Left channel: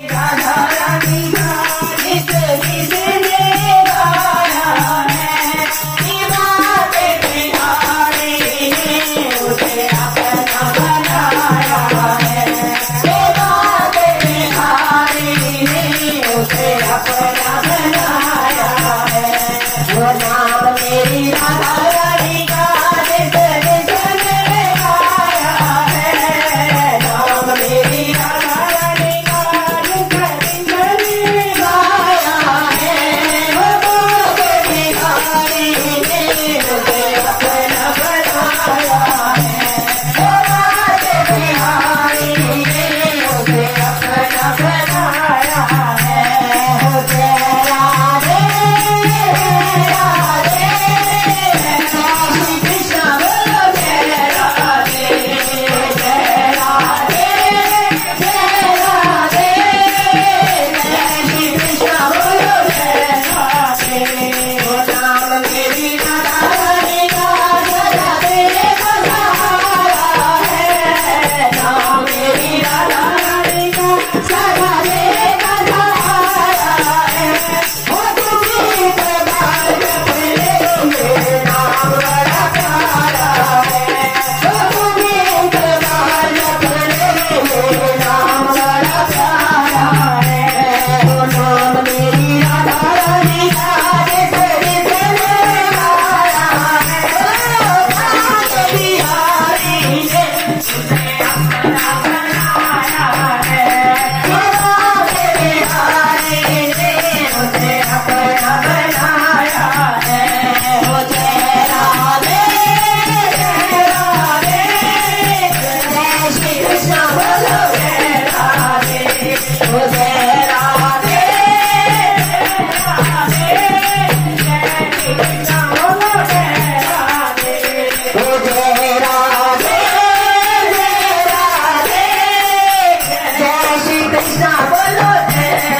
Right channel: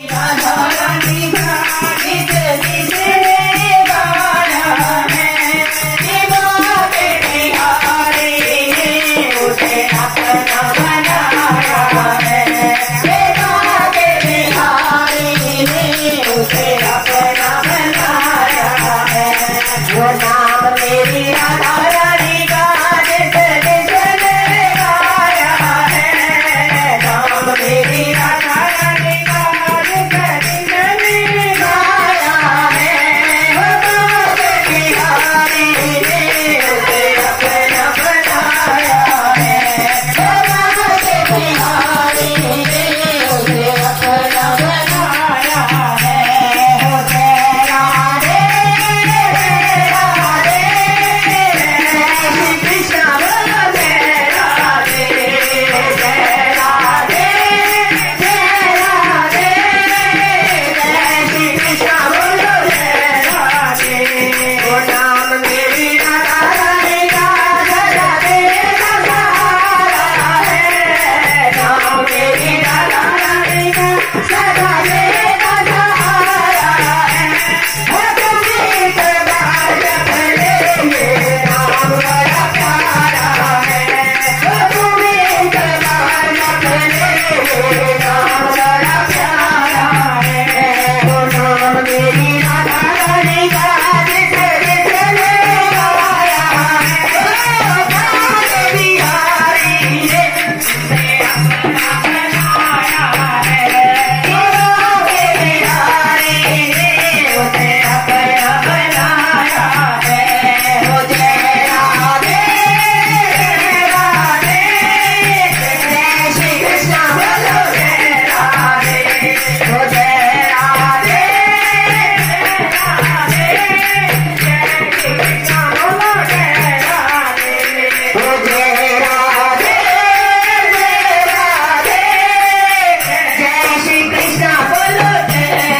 राधा रानी का गीत किसने गाया है, बाके बिहारी उसे अपना बनाया है, बाके बिहारी उसे अपना बनाया है। वो नाम मेरी राधा रानी का गीत किसने गाया है, नाम मेरी राधा रानी का गीत किसने गाया है, बाके बिहारी उसे अपना बनाया है, बाके बिहारी उसे अपना बनाया है। हो जय राधे राधे श्री कृष्ण बोलो जय राधे जय राधे जय राधे श्री कृष्ण बोलो जय राधे। वो नाम मेरी राधा रानी का राधे सहारा है, नाम मेरी राधा रानी का राधे सहारा है। वो तुम्हें दरबार जप लेंगे नाम बड़ा प्यारा है, वो तुम्हें दरबार जप लेंगे नाम बड़ा प्यारा है। वो नाम मेरी राधा रानी का गीत किसने गाया है, बाके बिहारी ने उसे अपना बनाया है, बाके बिहारी ने उसे अपना बनाया है। वो जय राधे जय श्री कृष्ण बोलो जय राधे, वो जय राधे जय श्री कृष्ण बोलो जय राधे, वो जय राधे जय श्री कृष्ण बोलो जय